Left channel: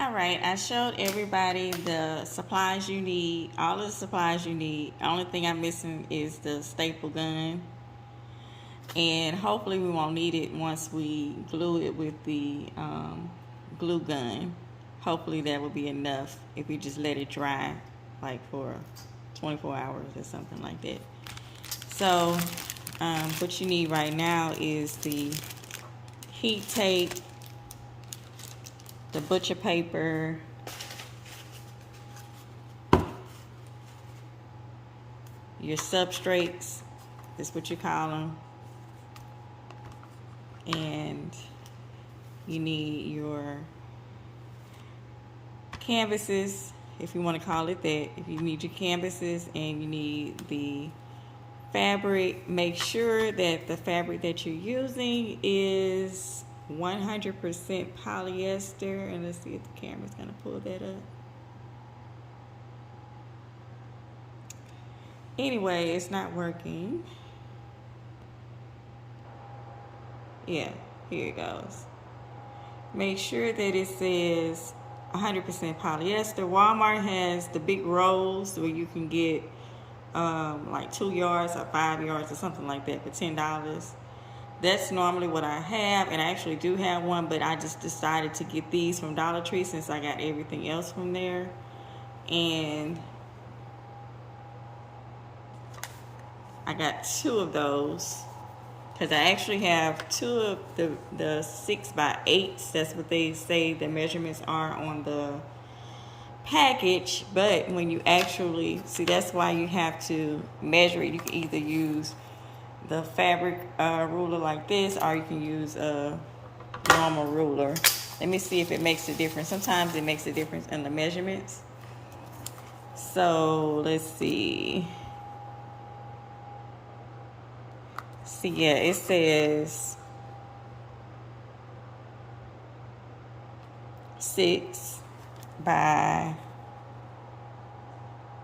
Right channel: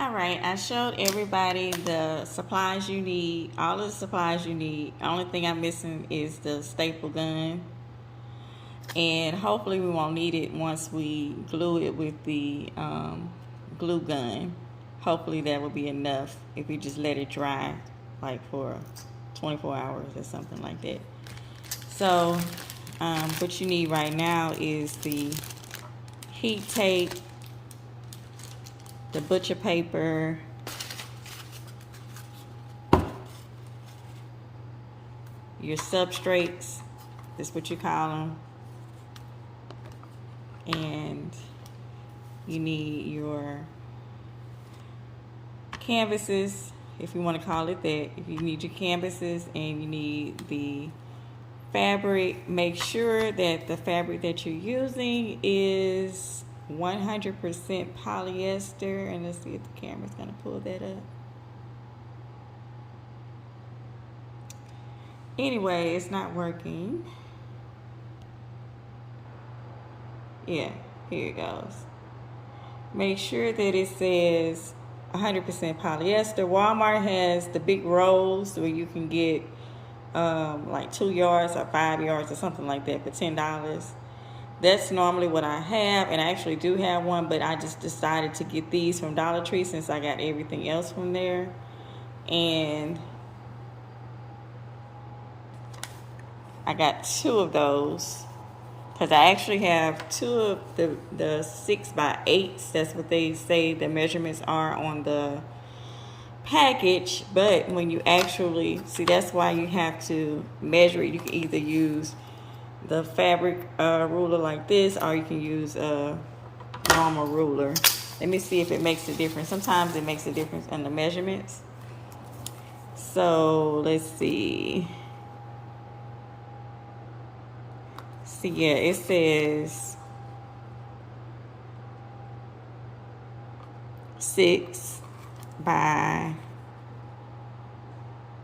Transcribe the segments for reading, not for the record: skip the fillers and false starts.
All right, I showed everybody the supplies you need, all of the supplies you need. Only thing I'm missing is the staple gun. And hopefully we won't need it once we glue it with the glue gun. Hopefully that will be enough if we just let it dry like for 24 hours or something like that. So what you need right now is the heat tape, the butcher paper, your substrates, is what you call them, and you need your canvases, if you want to call it that. If you need your canvases, and you need the fabric, make sure that the fabric that you're using is 100% polyester. And let's see if the camera's going to pull that up. Anyway, it's not working. Yeah, here it goes. Make sure that it says 100% polyester. Walmart has the big rolls where you can get like 2 yards or 5 yards or something like that for $10. That's normally what I have, and I actually do have one, but I just decided to get these from Dollar Tree since I got everything else from there. And I got 2 of those because I actually have 2 of the 6x8s. That's what they say the measurements are on the package. But when you actually see, that's why you have to measure it. You can either use the fabric ruler like this, or you can use a normal ruler. Let me see if it makes a difference. Sometimes it makes a difference in the measurements. So let's see. See, yeah, it says 6x8.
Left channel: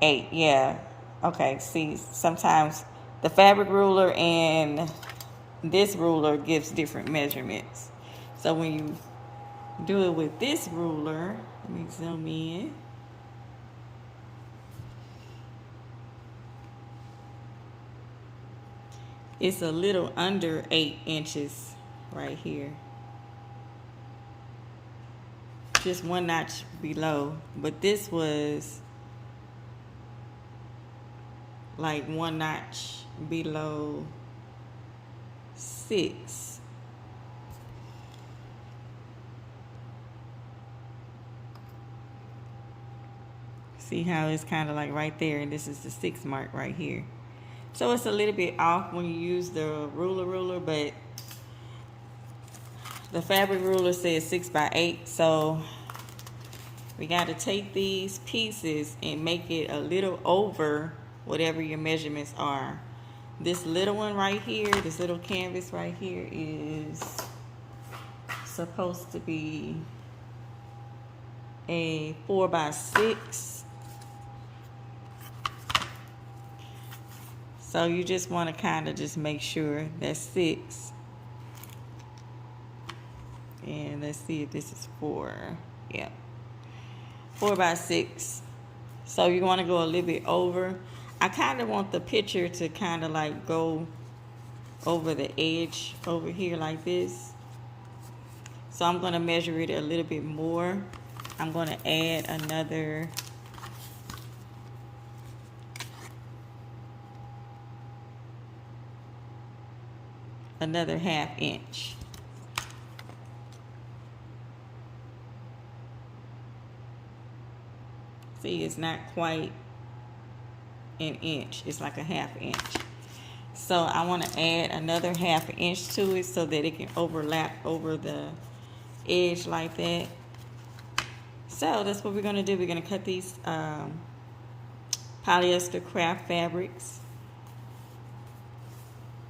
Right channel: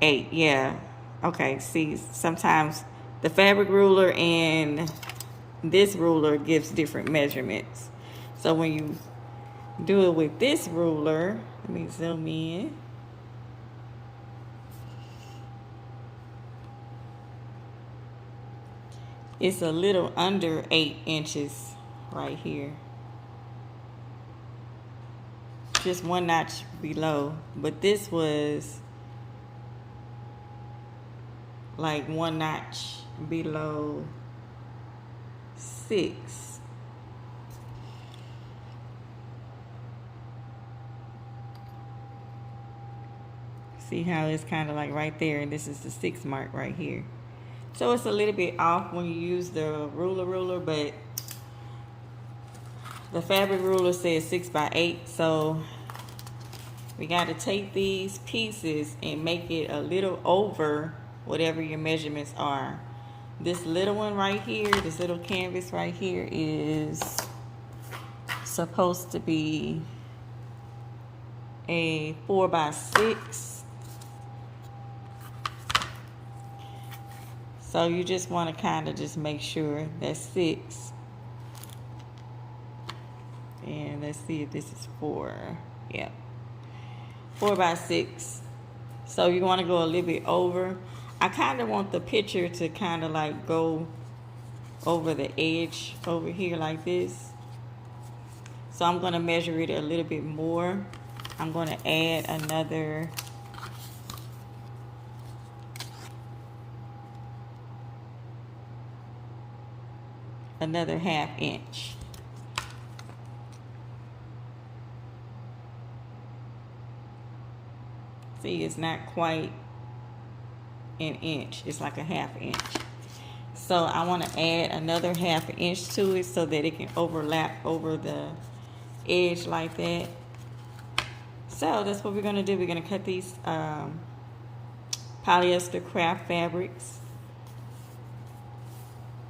Yeah. Okay. See, sometimes the fabric ruler and this ruler gives different measurements. So when you do it with this ruler, let me zoom in. It's a little under 8 inches right here. Just 1 notch below. But this was like 1 notch below 6. See how it's kind of like right there, and this is the 6 mark right here. So it's a little bit off when you use the ruler, but the fabric ruler says 6x8. So we got to take these pieces and make it a little over whatever your measurements are. This little one right here, this little canvas right here is supposed to be a 4x6. So you just want to kind of just make sure that's 6. And let's see if this is 4. Yep. 4x6. So you want to go a little bit over. I kind of want the picture to kind of like go over the edge over here like this. So I'm going to measure it a little bit more. I'm going to add another ½ inch. See, it's not quite an inch. It's like a ½ inch. So I want to add another ½ inch to it so that it can overlap over the edge like that. So that's what we're going to do. We're going to cut these polyester craft fabrics.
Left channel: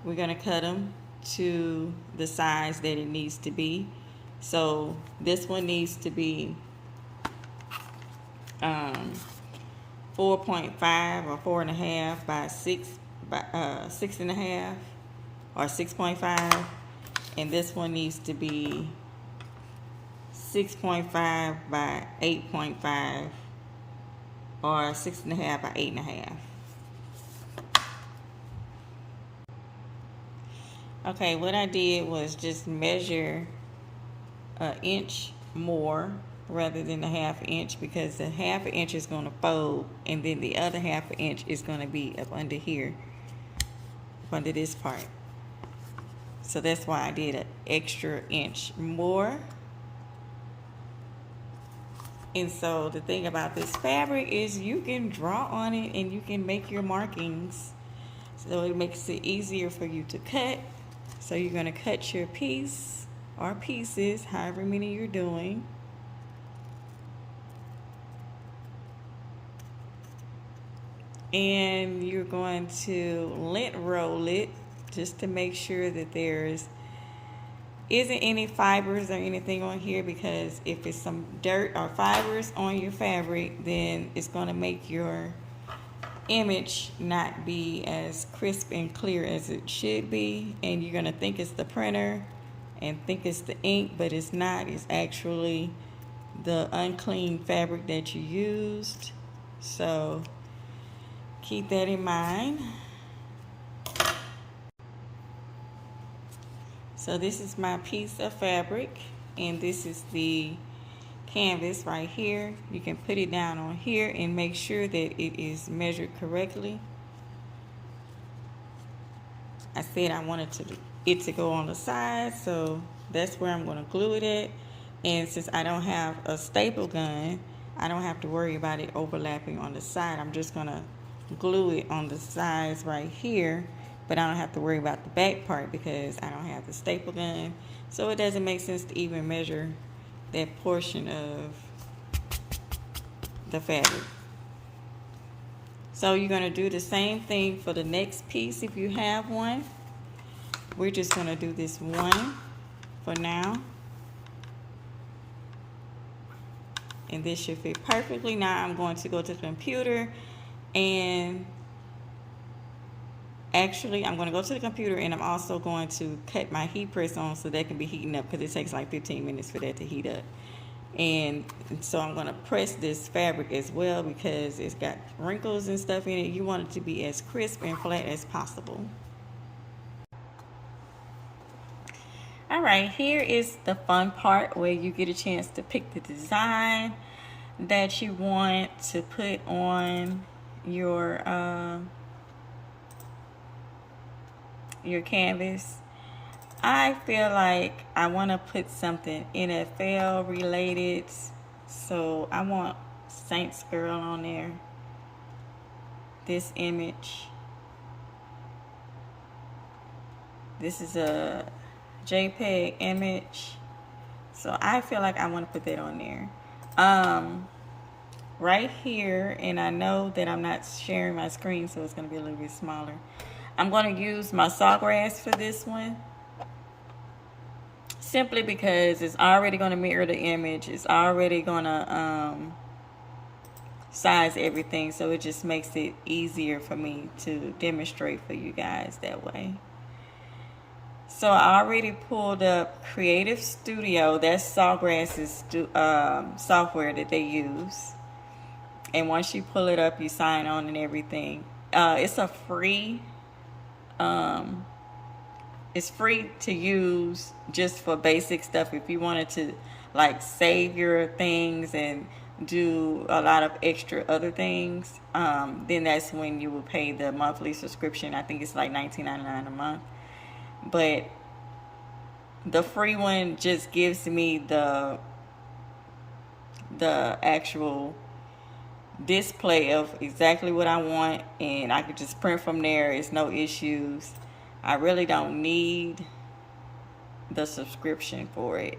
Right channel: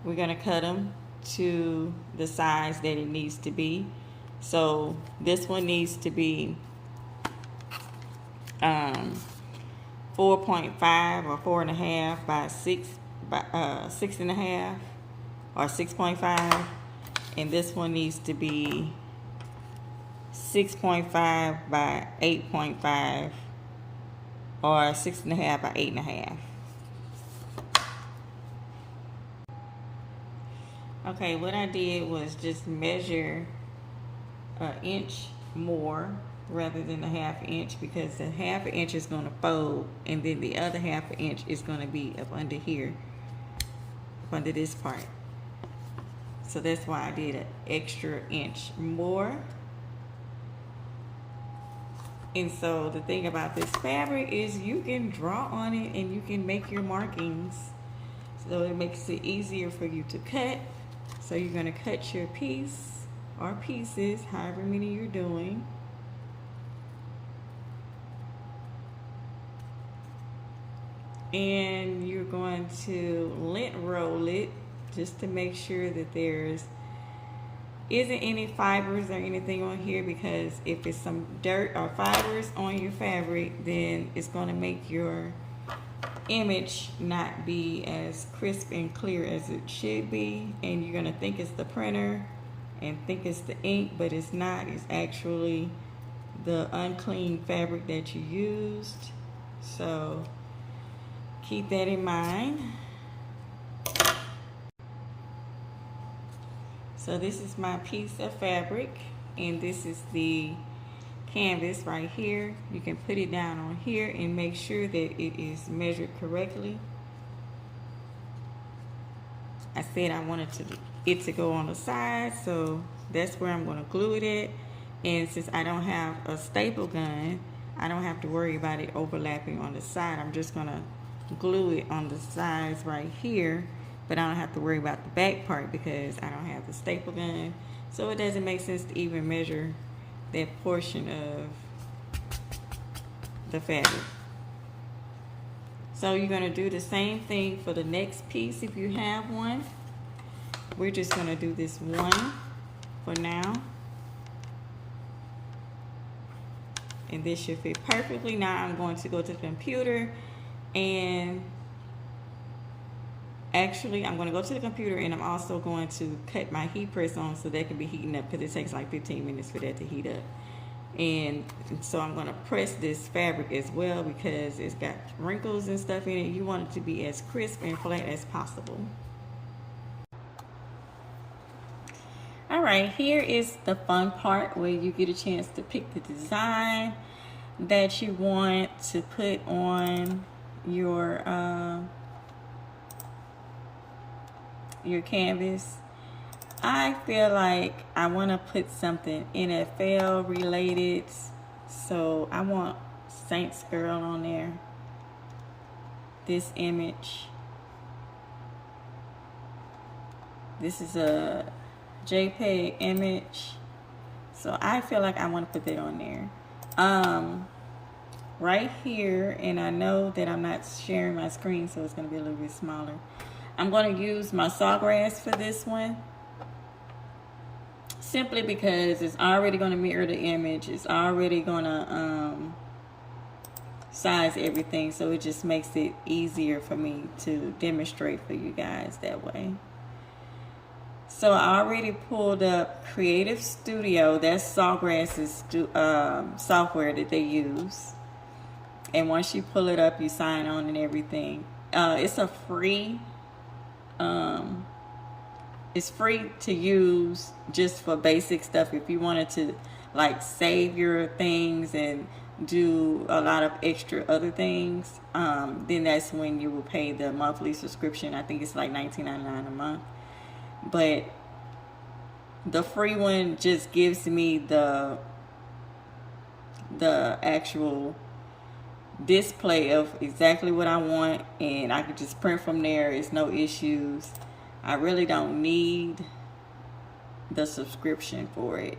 We're going to cut them to the size that it needs to be. So this one needs to be 4.5 or 4.5 by 6.5 or 6.5, and this one needs to be 6.5 by 8.5 or 6.5 by 8.5. Okay, what I did was just measure an inch more rather than a half inch, because the half inch is going to fold and then the other half inch is going to be up under here, up under this part. So that's why I did an extra inch more. And so the thing about this fabric is you can draw on it and you can make your markings. So it makes it easier for you to cut. So you're going to cut your piece or pieces, however many you're doing. And you're going to lint roll it just to make sure that there's isn't any fibers or anything on here, because if it's some dirt or fibers on your fabric, then it's going to make your image not be as crisp and clear as it should be, and you're going to think it's the printer and think it's the ink, but it's not. It's actually the unclean fabric that you used. So keep that in mind. So this is my piece of fabric, and this is the canvas right here. You can put it down on here and make sure that it is measured correctly. I said I wanted it to go on the side, so that's where I'm going to glue it at. And since I don't have a staple gun, I don't have to worry about it overlapping on the side. I'm just going to glue it on the sides right here, but I don't have to worry about the back part because I don't have the staple gun. So it doesn't make sense to even measure that portion of the fabric. So you're going to do the same thing for the next piece if you have one. We're just going to do this one for now. And this should fit perfectly. Now I'm going to go to the computer, and actually I'm going to go to the computer, and I'm also going to cut my heat press on so that can be heating up, because it takes like 15 minutes for that to heat up. And so I'm going to press this fabric as well because it's got wrinkles and stuff in it. You want it to be as crisp and flat as possible. All right, here is the fun part where you get a chance to pick the design that you want to put on your canvas. I feel like I want to put something NFL related, so I want Saints Girl on there. This image. This is a JPEG image, so I feel like I want to put that on there. Right here, and I know that I'm not sharing my screen, so it's going to be a little bit smaller. I'm going to use my sawgrass for this one, simply because it's already going to mirror the image. It's already going to size everything, so it just makes it easier for me to demonstrate for you guys that way. So I already pulled up Creative Studio. That's Sawgrass's software that they use. And once you pull it up, you sign on and everything. It's a free. It's free to use just for basic stuff. If you wanted to like save your things and do a lot of extra other things, then that's when you will pay the monthly subscription. I think it's like $19.99 a month. But the free one just gives me the actual display of exactly what I want, and I can just print from there. It's no issues. I really don't need the subscription for it.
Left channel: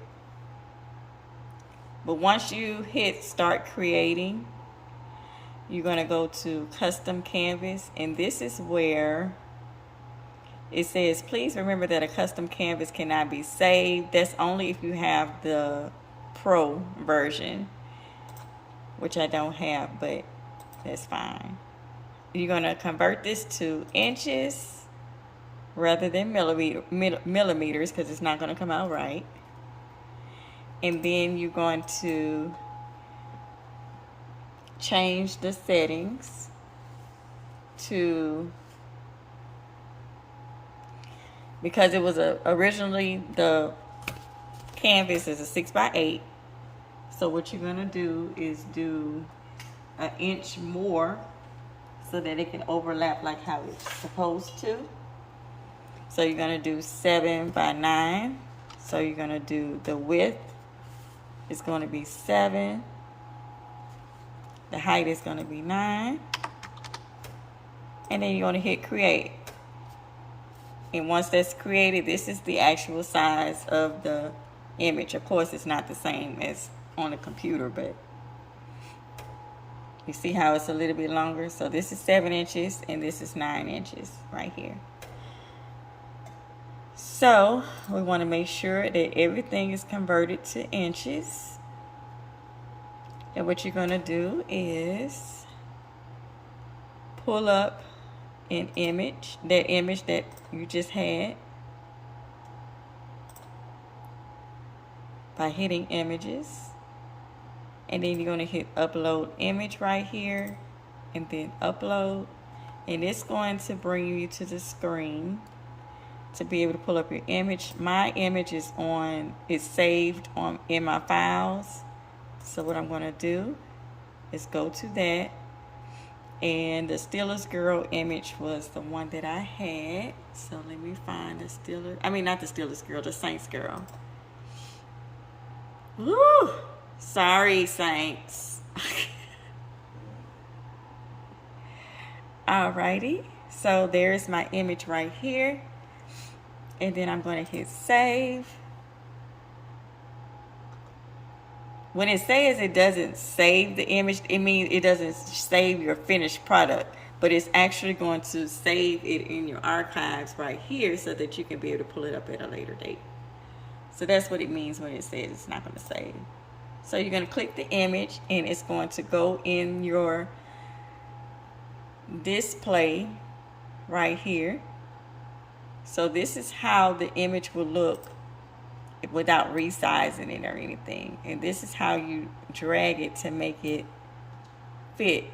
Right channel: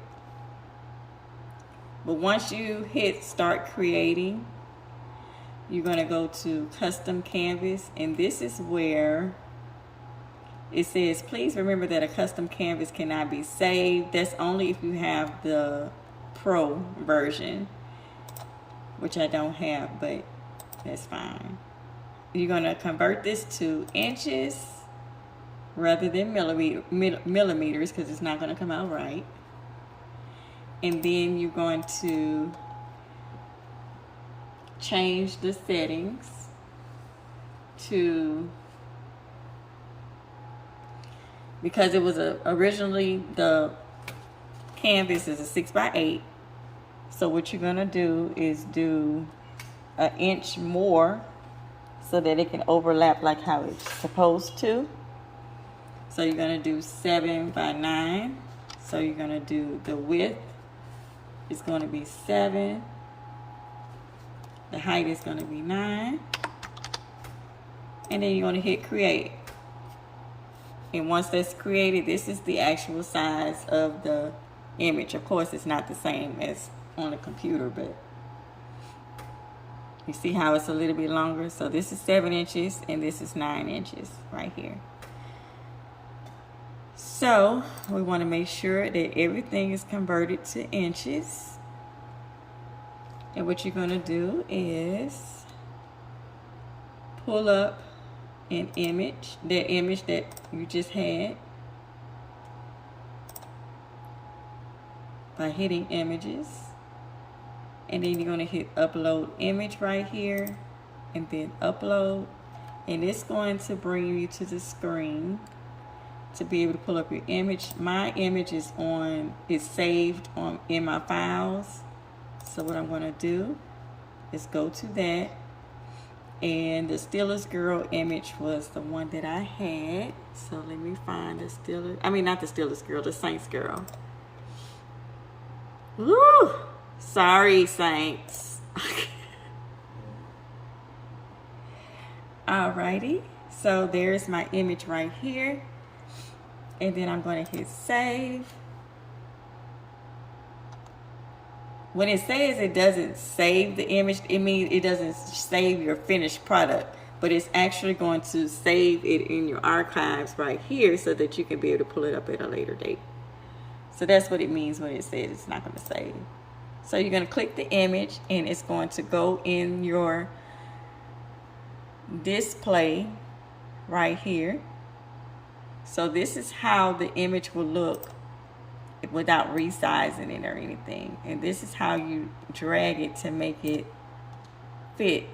But once you hit start creating, you're going to go to custom canvas, and this is where it says, please remember that a custom canvas cannot be saved. That's only if you have the Pro version, which I don't have, but that's fine. You're going to convert this to inches rather than millimeters, because it's not going to come out right. and then you're going to change the settings to, because it was originally the canvas is a 6x8. So what you're gonna do is do an inch more so that it can overlap like how it's supposed to. So you're gonna do 7x9. So you're gonna do the width is gonna be 7. The height is gonna be 9. And then you're gonna hit create. And once that's created, this is the actual size of the image. Of course, it's not the same as on a computer, but you see how it's a little bit longer. So this is 7 inches and this is 9 inches right here. So we want to make sure that everything is converted to inches. And what you're going to do is pull up an image, that image that you just had, by hitting images. And then you're going to hit upload image right here and then upload. And it's going to bring you to the screen to be able to pull up your image. My image is saved in my files. So what I'm going to do is go to that. And the Steelers girl image was the one that I had. So let me find the Steelers. I mean, not the Steelers girl, the Saints girl. Woo! Sorry, Saints. Alrighty. So there's my image right here. And then I'm going to hit save. When it says it doesn't save the image, it means it doesn't save your finished product, but it's actually going to save it in your archives right here so that you can be able to pull it up at a later date. So that's what it means when it says it's not going to save. So you're going to click the image and it's going to go in your display right here. So this is how the image will look without resizing it or anything. And this is how you drag it to make it fit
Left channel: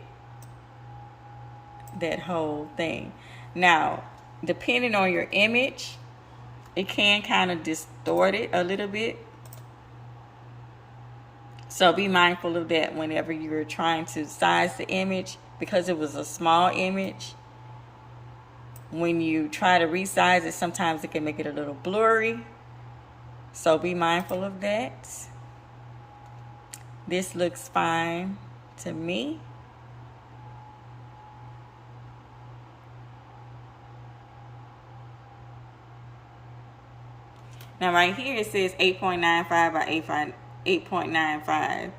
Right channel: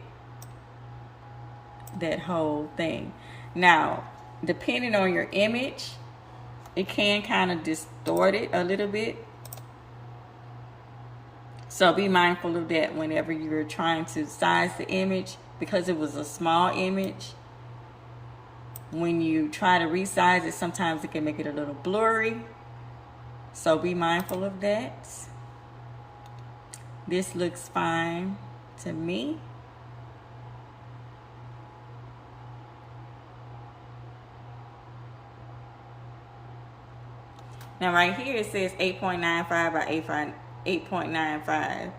that whole thing. Now, depending on your image, it can kind of distort it a little bit. So be mindful of that whenever you're trying to size the image, because it was a small image. When you try to resize it, sometimes it can make it a little blurry. So be mindful of that. This looks fine to me. Now right here it says 8.95 by 8.95.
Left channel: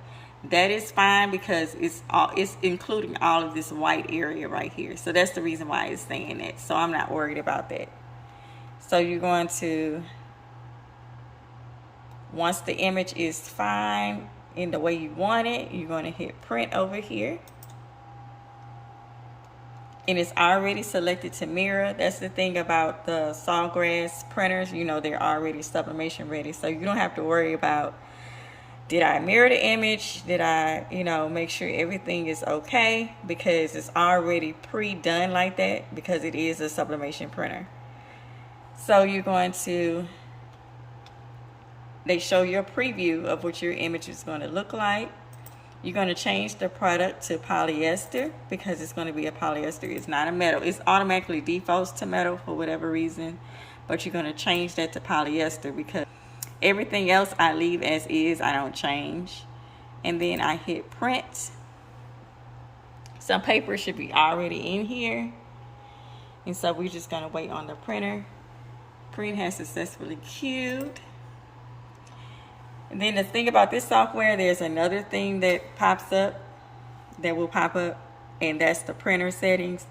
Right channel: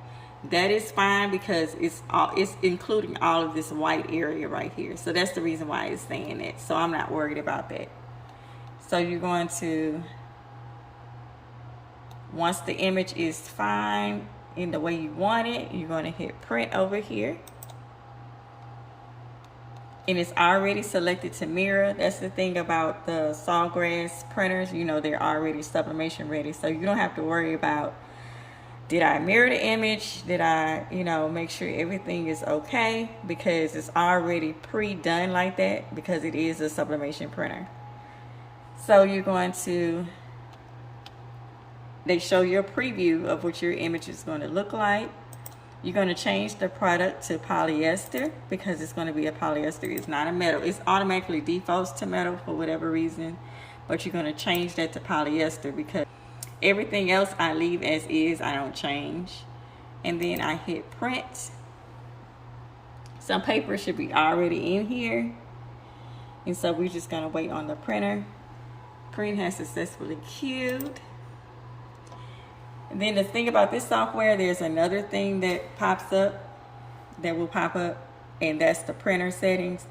That is fine because it's including all of this white area right here. So that's the reason why it's saying that. So I'm not worried about that. So you're going to, once the image is fine in the way you want it, you're going to hit print over here. And it's already selected to mirror. That's the thing about the Sawgrass printers. You know, they're already sublimation ready. So you don't have to worry about, did I mirror the image? Did I, make sure everything is okay? Because it's already pre-done like that because it is a sublimation printer. So you're going to, they show you a preview of what your image is going to look like. You're going to change the product to polyester because it's going to be a polyester. It's not a metal. It's automatically defaults to metal for whatever reason. But you're going to change that to polyester because everything else I leave as is. I don't change. And then I hit print. Some paper should be already in here. And so we're just going to wait on the printer. Print has successfully queued. And then the thing about this software, there's another thing that pops up, that will pop up, and that's the printer settings.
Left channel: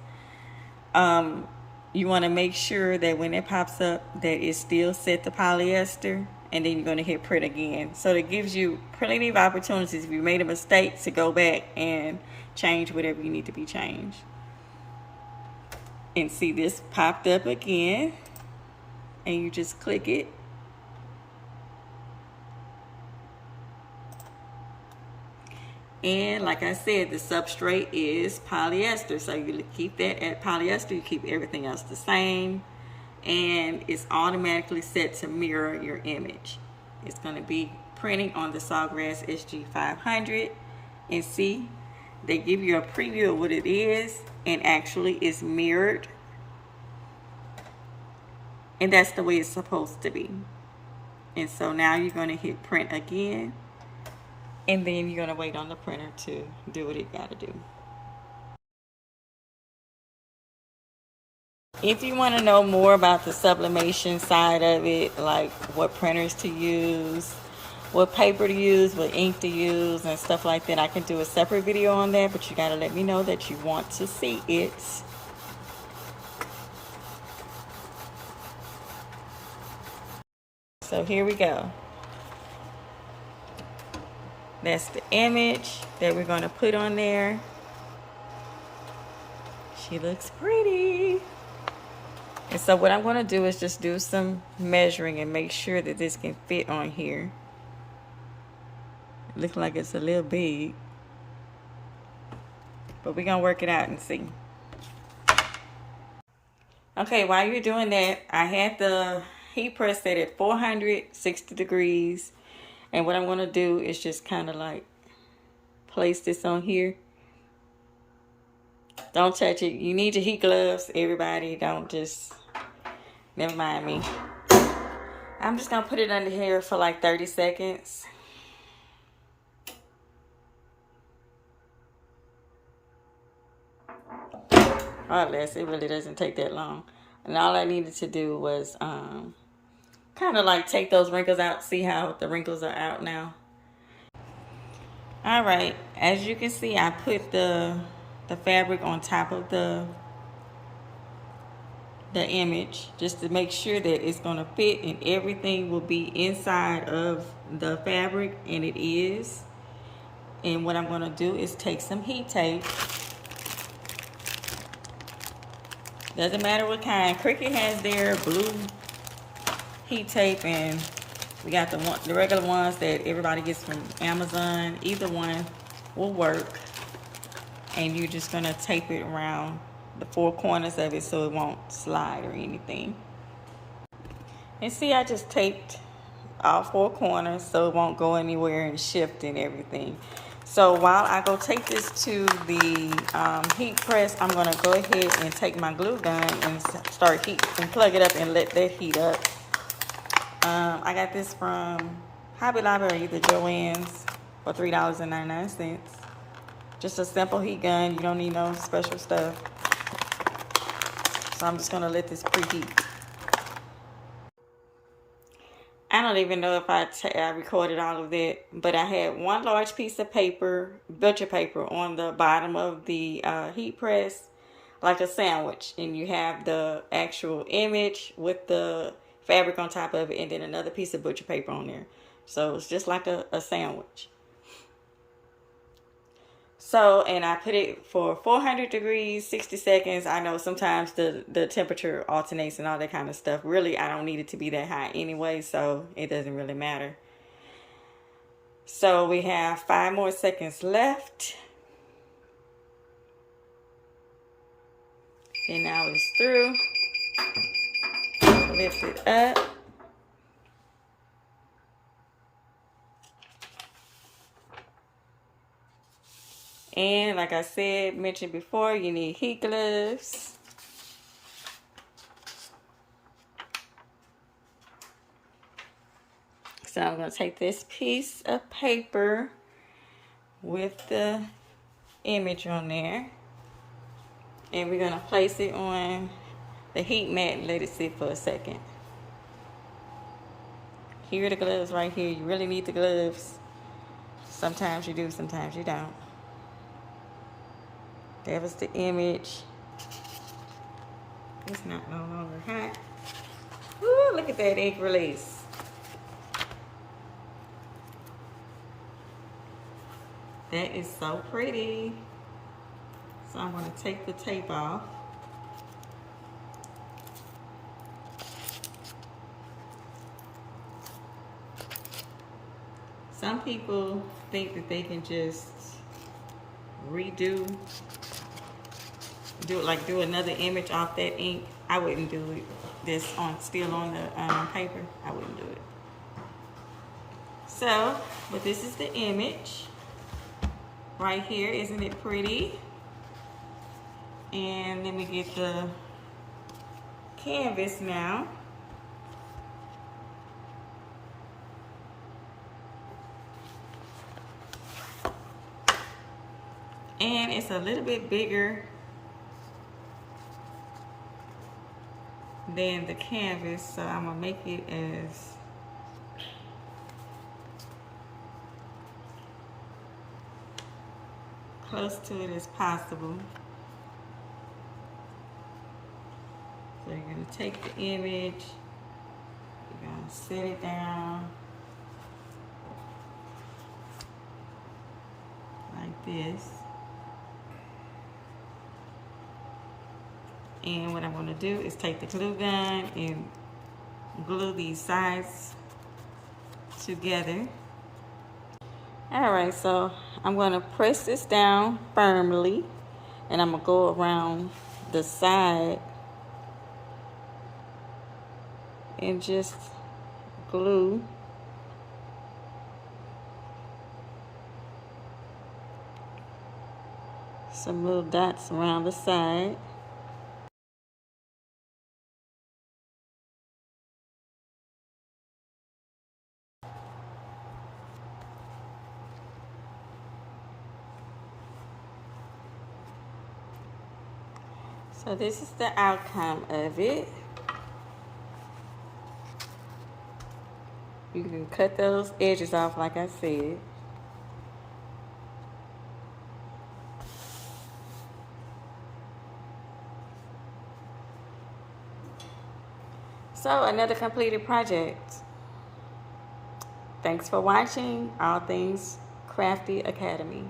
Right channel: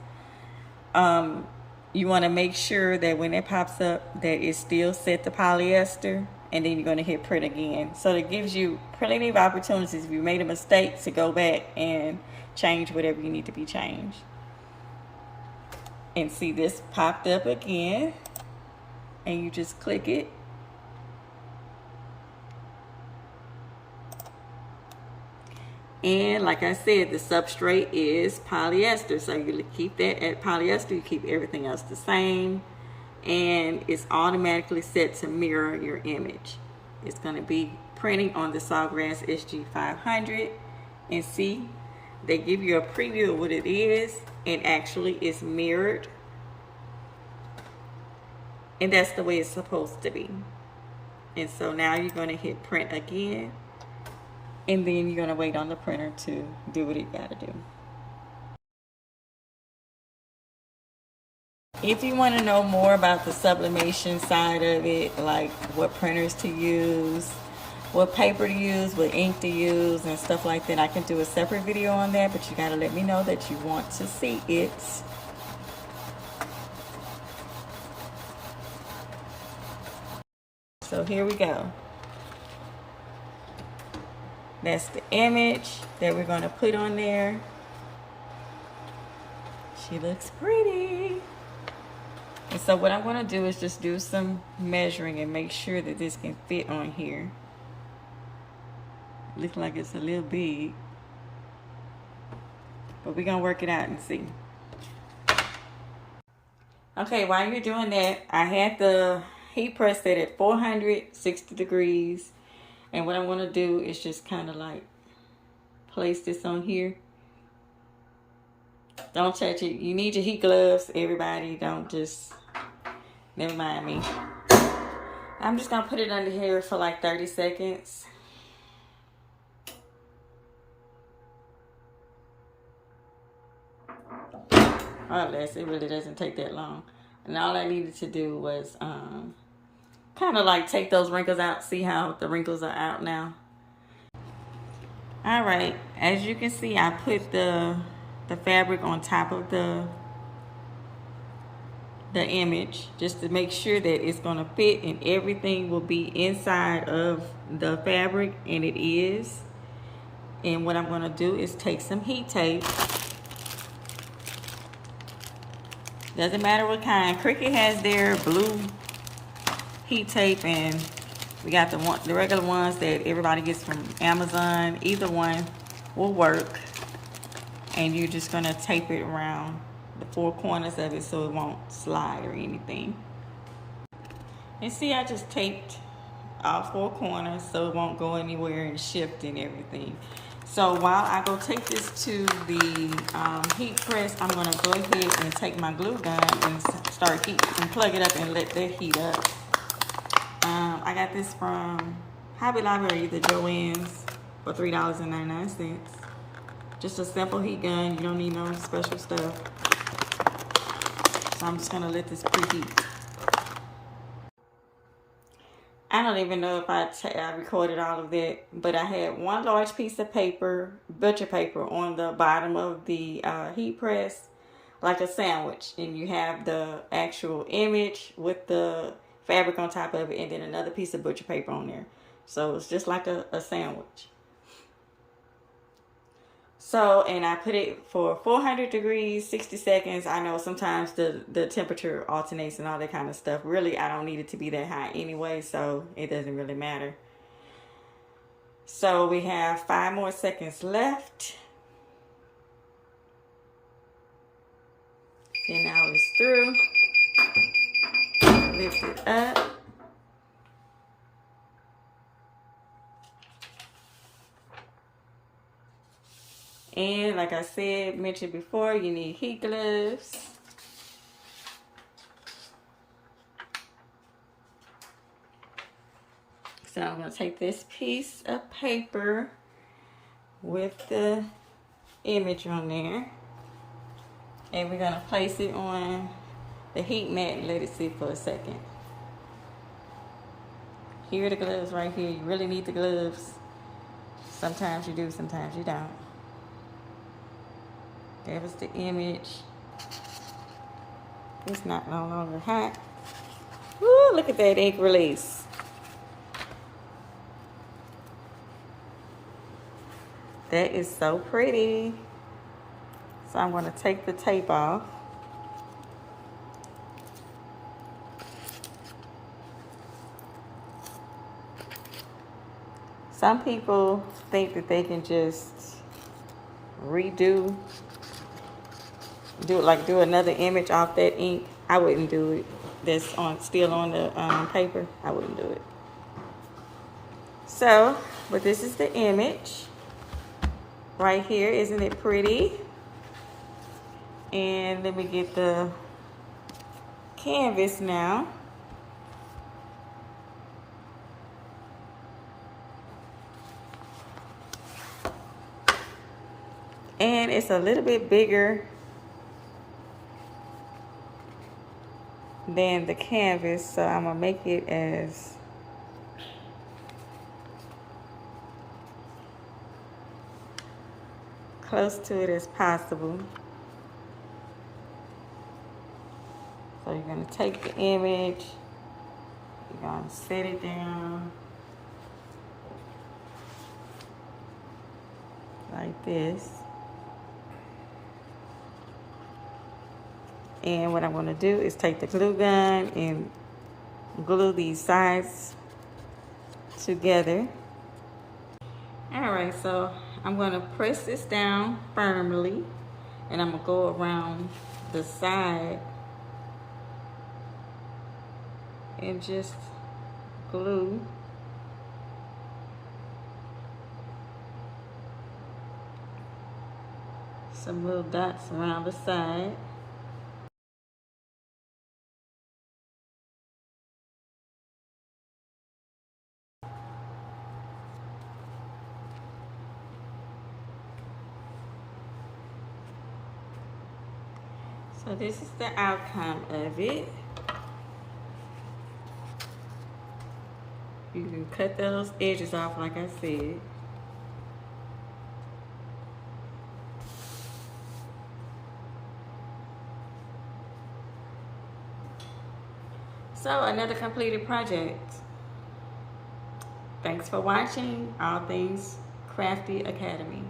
You want to make sure that when it pops up that it's still set to polyester, and then you're going to hit print again. So it gives you plenty of opportunities if you made a mistake to go back and change whatever you need to be changed. And see, this popped up again, and you just click it. And like I said, the substrate is polyester. So you keep that at polyester, you keep everything else the same. And it's automatically set to mirror your image. It's going to be printing on the Sawgrass SG500. And see, they give you a preview of what it is, and actually it's mirrored. And that's the way it's supposed to be. And so now you're going to hit print again. And then you're going to wait on the printer to do what it got to do. If you want to know more about the sublimation side of it, like what printers to use, what paper to use, what ink to use, and stuff like that, I can do a separate video on that, but you got to let me know that you want to see it. So here we go. That's the image that we're going to put on there. She looks pretty. And so what I'm going to do is just do some measuring and make sure that this can fit on here. Looks like it's a little big, but we're going to work it out and see. Okay, while you're doing that, I had the heat press set at 460 degrees. And what I'm going to do is just kind of like place this on here. Don't touch it. You need your heat gloves, everybody. Don't just, never mind me. I'm just going to put it under here for like 30 seconds. Or less. It really doesn't take that long. And all I needed to do was kind of like take those wrinkles out. See how the wrinkles are out now. All right, as you can see, I put the fabric on top of the image just to make sure that it's going to fit and everything will be inside of the fabric, and it is. And what I'm going to do is take some heat tape. Doesn't matter what kind. Cricut has their blue heat tape, and we got the regular ones that everybody gets from Amazon. Either one will work. And you're just going to tape it around the four corners of it so it won't slide or anything. And see, I just taped all four corners so it won't go anywhere and shift and everything. So while I go take this to the heat press, I'm going to go ahead and take my glue gun and start heat and plug it up and let that heat up. I got this from Hobby Lobby or either Joann's for $3.99. Just a simple heat gun. You don't need no special stuff. So I'm just going to let this preheat. I don't even know if I recorded all of that, but I had one large piece of paper, butcher paper, on the bottom of the heat press, like a sandwich. And you have the actual image with the fabric on top of it, and then another piece of butcher paper on there. So it's just like a sandwich. So, and I put it for 400 degrees, 60 seconds. I know sometimes the temperature alternates and all that kind of stuff. Really, I don't need it to be that high anyway, so it doesn't really matter. So we have 5 more seconds left. And now it's through. Lift it up. And like I said, mentioned before, you need heat gloves. So I'm going to take this piece of paper with the image on there. And we're going to place it on the heat mat and let it sit for a second. Here are the gloves right here. You really need the gloves. Sometimes you do, sometimes you don't. That was the image. It's not no longer hot. Ooh, look at that ink release. That is so pretty. So I'm going to take the tape off. Some people think that they can just redo, do another image off that ink, I wouldn't do it. That's still on the paper. I wouldn't do it. So, but this is the image right here. Isn't it pretty? And let me get the canvas now. And it's a little bit bigger than the canvas, so I'm gonna make it as close to it as possible. So you're gonna take the image, you're gonna set it down like this. And what I'm gonna do is take the glue gun and glue these sides together. All right, so I'm gonna press this down firmly and I'm gonna go around the side and just glue some little dots around the side. So this is the outcome of it. You can cut those edges off like I said. So another completed project. Thanks for watching All Things Crafty Academy.